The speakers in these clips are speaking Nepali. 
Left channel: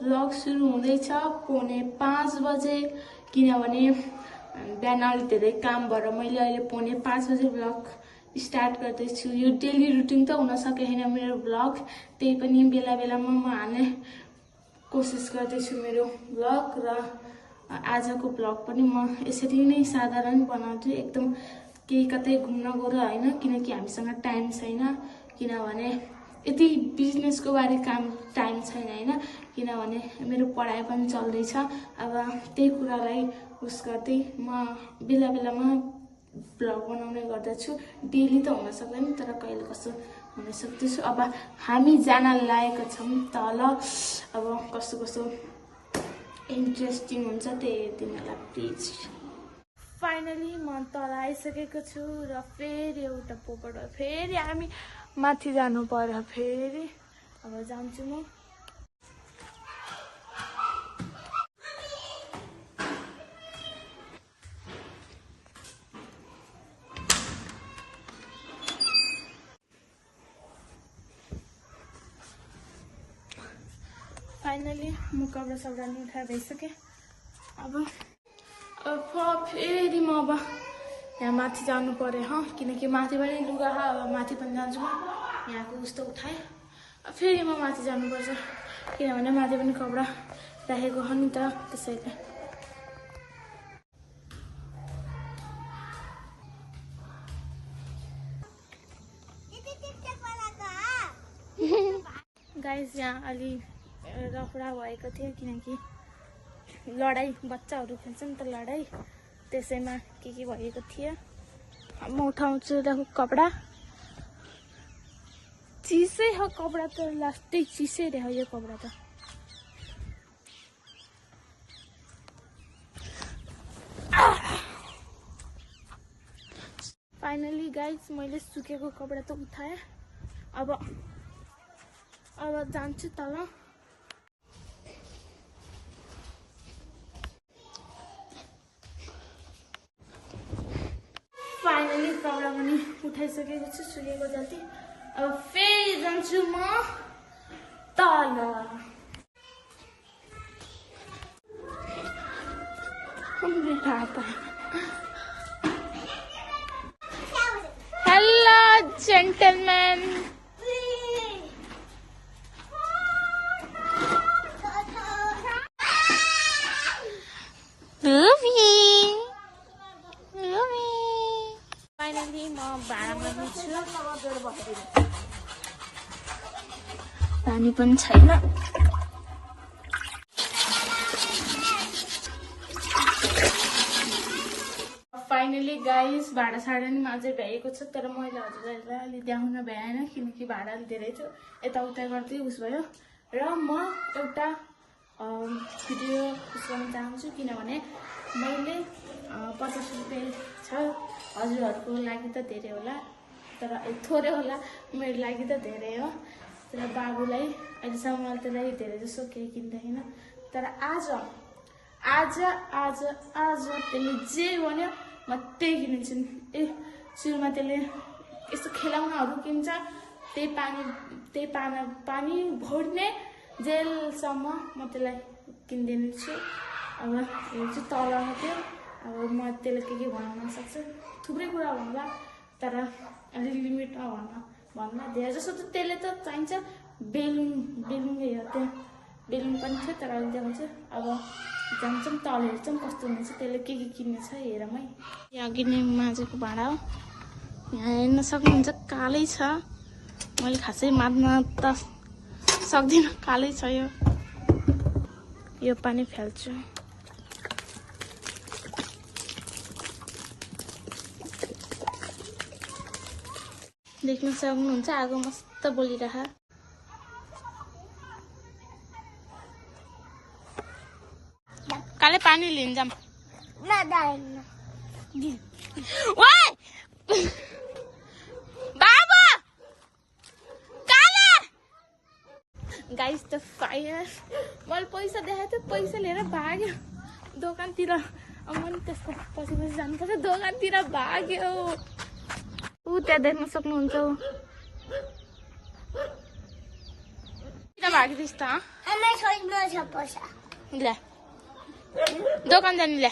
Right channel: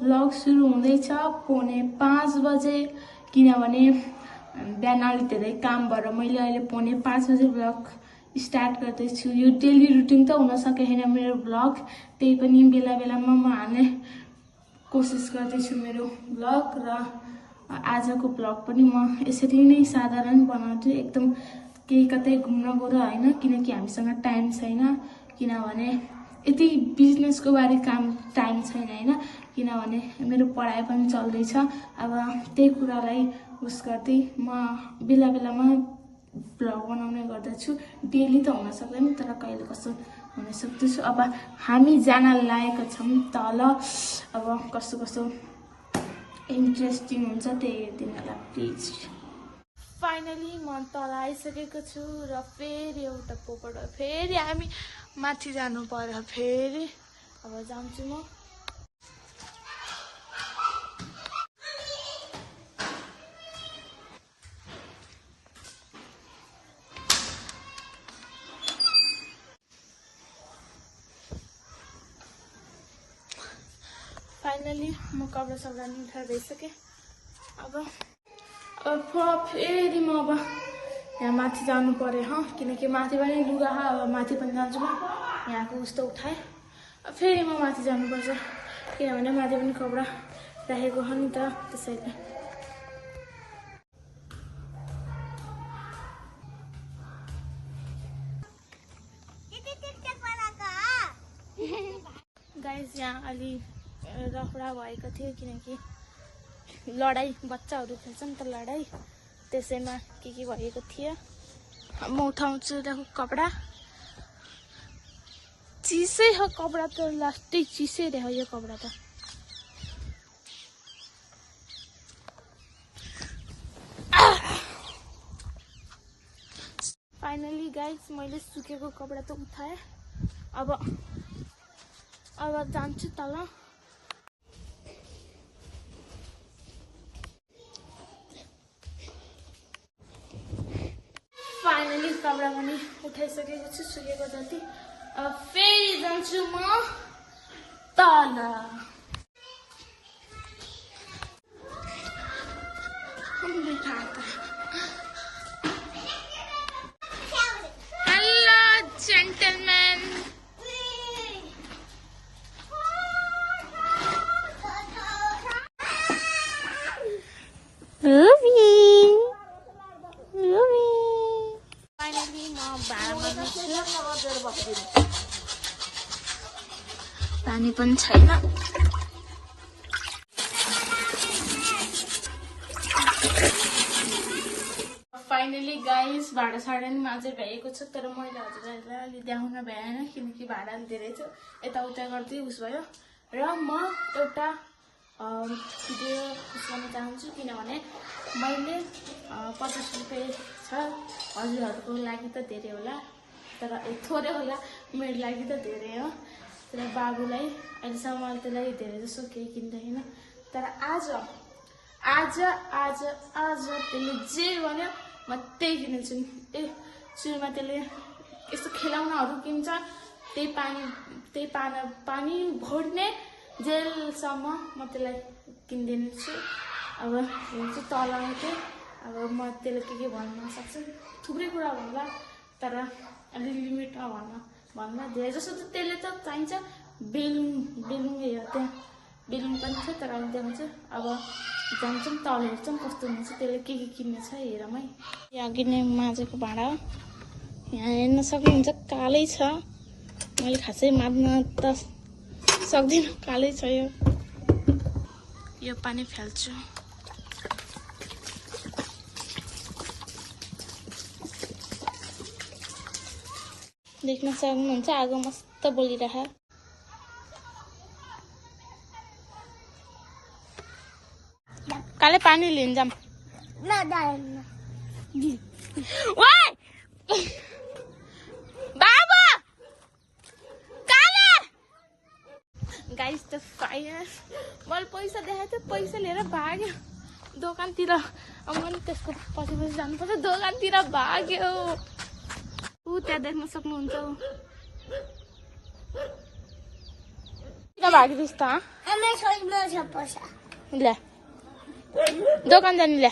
भ्लग सुरु हुँदैछ 4:45 बजे, किनभने बिहान अलि धेरै काम भएर मैले अहिले 4:45 बजे भ्लग स्टार्ट गर्दैछु। यो डेली रुटिन त हुन सकेन मेरो भ्लग, त्यही पनि बेला बेलामा म हाल्ने कोसिस गर्दैछु मेरो भ्लग। र आजको भ्लग पनि म यसरी नै साधारण बनाउँछु, एकदम केही कतै घुम्न गएर होइन, किनकि हामीसँग टाइम छैन, किनभने यति बिजनेसको बारे काम टाइम छैन होइन, किनभने मेरो पढाइ पनि चल्दैछ। अब त्यही कुरालाई उस गर्दै म बेला बेलामा भ्लग बनाउने गर्दछु। डेली त हुन सक्दैन, तर कहिले कस्तो हुन सक्दछु। अब हामी जान लागेको छौँ तल, अब कस्तो कस्तो इन्ट्रेस्टिङ हुन्छ त्यही हेरिदिनुलाई प्लिज। फाइनली म तल आइसकेको छु र फेरि एउटा पोपट फेरि हामी माथि जानु पर्यो। फेरि अब जान्छु म। फाइनली म कपडा सपडा नि उठाएर भइसकेँ। अब फेरि म अब यहाँ माथि जानु पर्यो किनकि माथि पनि लुगा अब माथि पनि जान्छु म। यहाँको उस्तो उठाएँ, फेरि म माथि जानुपर्छ, किनभने माथि पनि कपडा राखेको हो नि त, त्यसैले। गाइस यहाँ अलि रफडा भएको थियो, किनकि लडाइँ बच्चाहरू खेल्छ नि त लडाइँ, त्यसैमा के भएको थियो। म उठाउँछु देखो कपडा, चिसै हो कपडा त, लास्टै चिसै रह्यो यो कपडा त। फाइनली गाइस मैले सुकेको कपडा त उठाएँ। अब जान्छु तल। फाइनली कपडा पनि उठाइसकेको छु, सुकेको जति। अब फेरि जान्छु म तल। हेलो जेन्टलम्यान, फाइनली म भाडामा निस्केँ। पानी पनि छैन। फाइनली गाइस भाडा साडा नि अझै भ्याएको छ, तर मैले हजुरहरूलाई अलि देखाउन भ्याएन किनकि भाडा धेरै छ, यताउता गर्दै उस भयो। र म एउटा भिडियो उस गर्न चाहन्छु, किनभने मैले 50 रुपियाँ छ, हजुरहरूको लागि त धेरै होला, तर थोरै होला, मेरो लागि त धेरै हो। तर बाबुलाई अहिलेसम्म त्यसलाई धेरै जसो केही किन्दैन, तर आज त्यसले जे भन्यो म त्यही किनेछु। सुरुमा त्यसले यस्तो खेलौनाहरू किन्छ, त्यही पानी भर्ने जेलसम्म म त्यसलाई किनिदिन्छु। अब चाहिँ तल थियो, अब म त्यसले के भन्न नसक्छु, थुप्रै कुरा भन्ला, तर अलि लिमिटमा भन्दा धेरै जसो त त्यसले त चाहिन्छ। बेलुन उयो त्यहाँ बेलुन पनि छ, तर अहिले देखाउँछु। अब जान्छौँ तल, हेर्छौँ कस्तो हुनेछ, त्यसले के किन्ने छ हेरौँ है। यो अघि नै माझेको भाँडा हो, यहाँ हेर्न सक्नुहुन्छ कालै छ, मैले खासै माझ्न त सक्दिनँ, कालै छ यो पानी फाल्छु। देख्न सक्नुहुन्छ आगो मस्त बलिरह। काले पानी लिन जाम। बाबा गाइस द फायर, मैले पैसा देखाएको थिएँ, पैसा लिएर भाग्यो दोकानतिर। मैले त्यसको पछि जानुपर्छ, दोकानतिर भाग्यो। त्यहाँ देख्न सक्नुहुन्छ भागिदिस् त ले दोकान जाने ले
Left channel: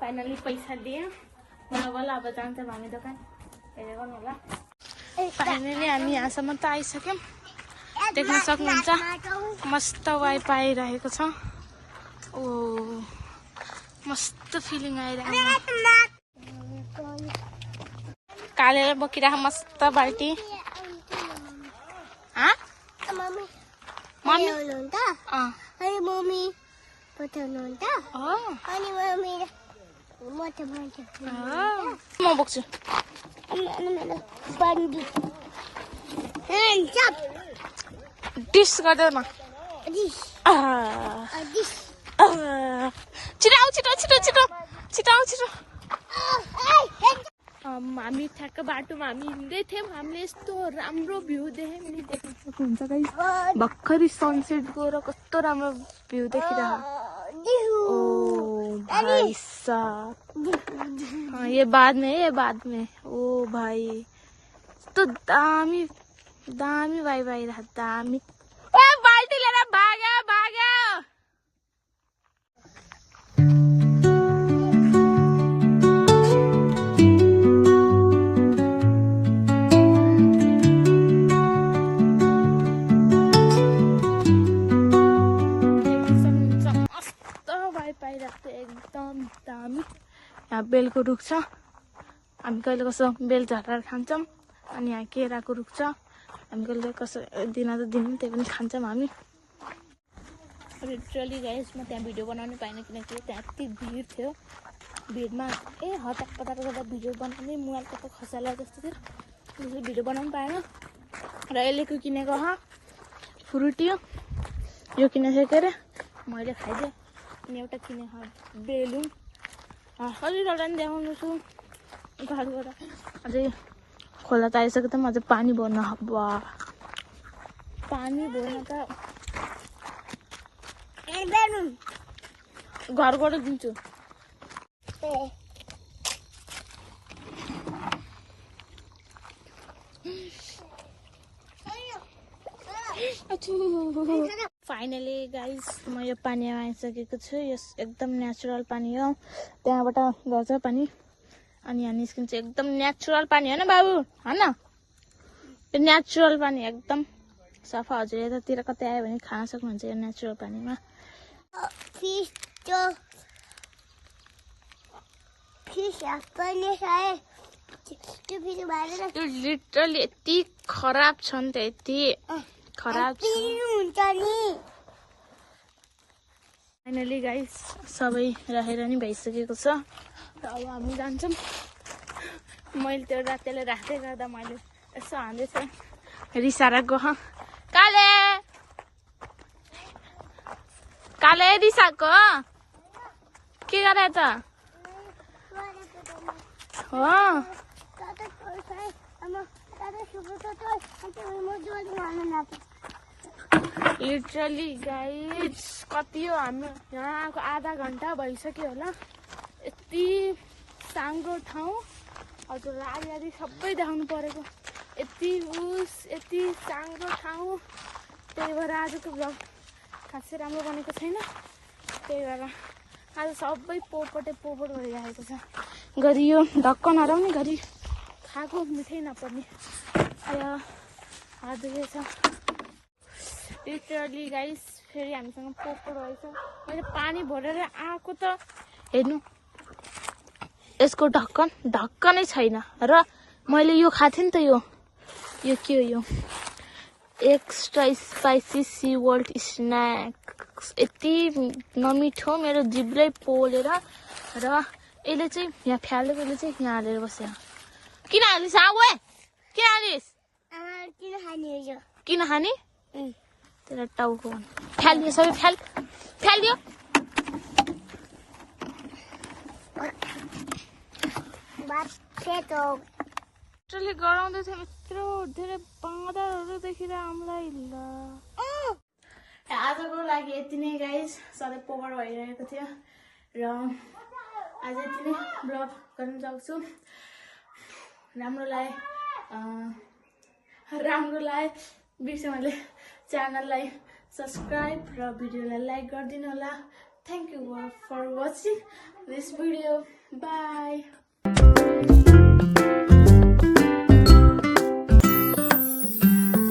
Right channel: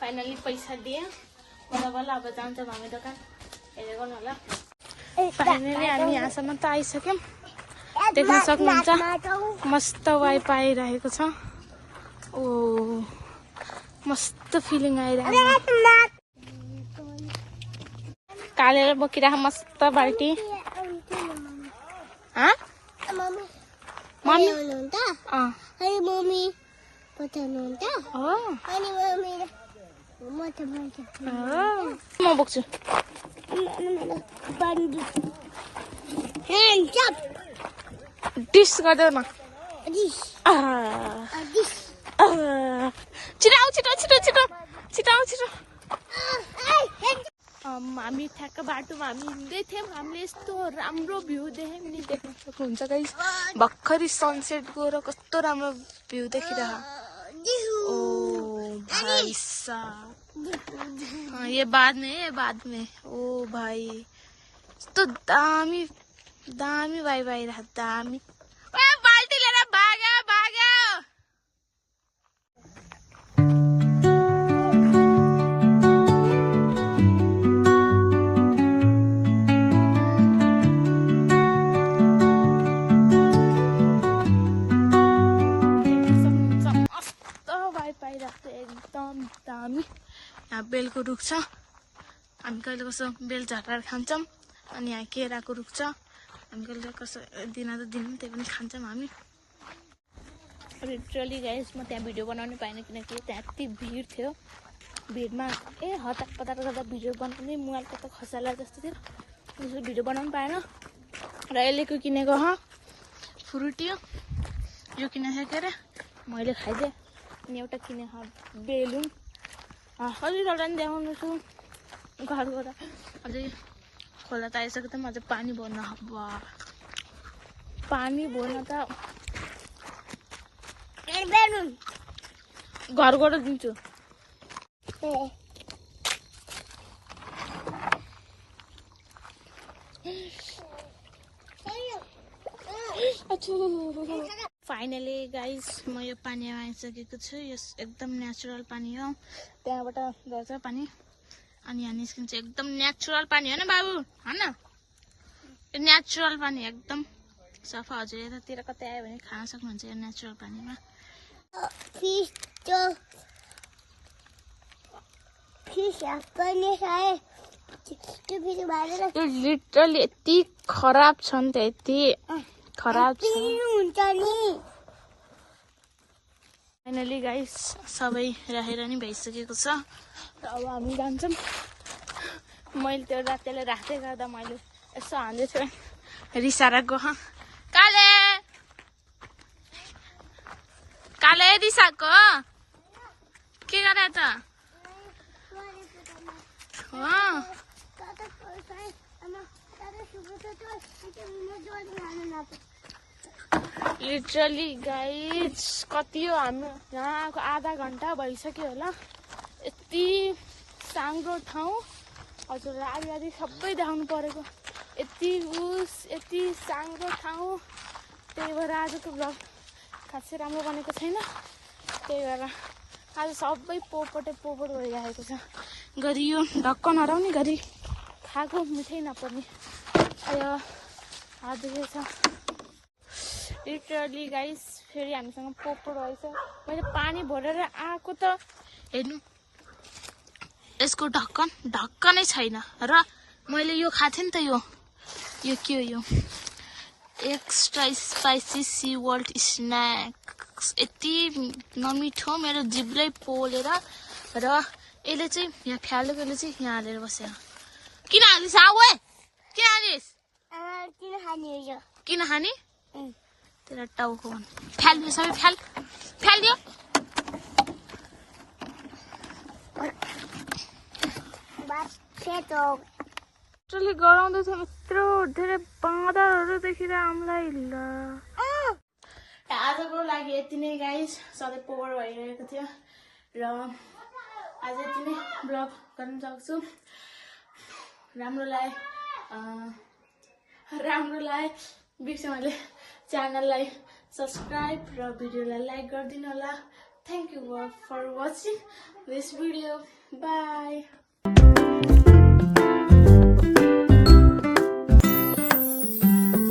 फाइनली पैसा दिए बल्ल अब जान्छौँ हामी दोकान हेरेको होला फाइनली हामी यहाँसम्म त आइसक्यौँ देख्न सक्नुहुन्छ मस्त वाइफाई आइरहेको छ ओ मस्त फिलिङ आइरहेको कालेर बोकिरहेको मस्त बाल्टी मम्मी मम्मी म बोक्छु डिस गर्दैन छिटो हामी ठ्याक्क बाटोमा हामी हिँड्दै थियौँ हामीले यस्तो राम्रो भ्यू देख्यौँ नि देख्न सक्नुहुन्छ गाइस भर्खरै सनसेट गएर कस्तो राम्रो भ्यू देखिरह ओ भाई साहब ये बाद में ओ भाई यस्तो दामी दामी भाइ रहा दामी बाल्टी लिएर भाग्यो एकदम दामी यहाँ बेलको रुख छ हामी कहिले कसो बेल झटाएर खान्छौँ अनि यहाँ केराको रुख छ हामी कहिले कसो दिन त दिन त्यही पनि खान्छौँ हामी लिटरली गाइस म त्यहाँ भिडियो बनाउनै पाइनँ किनकि त्यहाँ यति भिड थियो भिडमा हतार पतार गर्दा भिडियो बनाउँदै मोबाइलको त खसाला जस्तो थियो त्यसले भिडियो बनाउनु पाएन र यसलेको किनेको फ्रुटी यो किनेको के अरे मैले खाइदिएँ अनि एउटा किनेको बेलुन कतिवटा नि देखाउनु छु घरबाट अझै खोला त आइसक्यो त अझै पानी भर्न पानी भर्न त घरबाट दिन्छु फाइनली गाइस म यो पानीमा आइसकेको छु यो एकदम नेचुरल पानी हो त्यहाँबाट गर्छ पानी अनि यहाँ निस्किन्छ एकदम नेचुरल पानी होइन बाबु होइन यो नेचुरल पानी एकदम सफा हजुर यतातिर कतै आयो भने खान सक्नुहुन्छ यो नेचुरल पानीमा लिटरली यति खराब छ नि त यति खराब फाइनली गाइस सबै राखेर नि भइसकेको छ र अब हामी जान्छौँ मैले त्यो रातेले राख्दै गर्दा मैले यसो हान्दै थिएँ रिसाएर गयो काले रिसाको के गरे त लिटरली गाइस कति हो हामी यहाँ आएको आधा घन्टा भइसक्यो होला यति साङ्गो ठाउँ हजुर आधी सबै देखाउनु परेको यति साङ्गो ठाउँ त्यही भएर आजको भ्लग खासै राम्रो बनेको छैन त्यही भएर आज सबै पोपट भइरहेको छ घरि यो ढक्क नराउने घरि खाएको मिठै नपर्ने हात दुखेछ लिटरली गाइस फेरि हामीसँग पोपट रहेछ मैले पानी भरेर आएको त हेर्नु यसको ढक्कनै छैन र मैले यो खाएको थिएँ नि त यो के हो यो extra spicy sea world snack यति नमिठो मेरो जिब्लै पोलेर र यसले चाहिँ यहाँ फ्यालेकोले चाहिँ यहाँ हालेर बस्यो किन हालिस् किन खाने तेरा टाउको फ्यालियो सबै फ्यालियो गराउँदै थियो यत्रो धेरै बाँदरहरू देखेर हामीलाई ल आजको लागि यति नै गाइस सधैँ पोवर भइरहेको थियो र आज यति नै ब्लग गर्न सक्छु राम्रो लाग्यो राम्रो लागे बिर्सेँ च्यानललाई सब्स्क्राइब र भिडियोलाई लाइक गरिदिनु होला thank you for watching this video by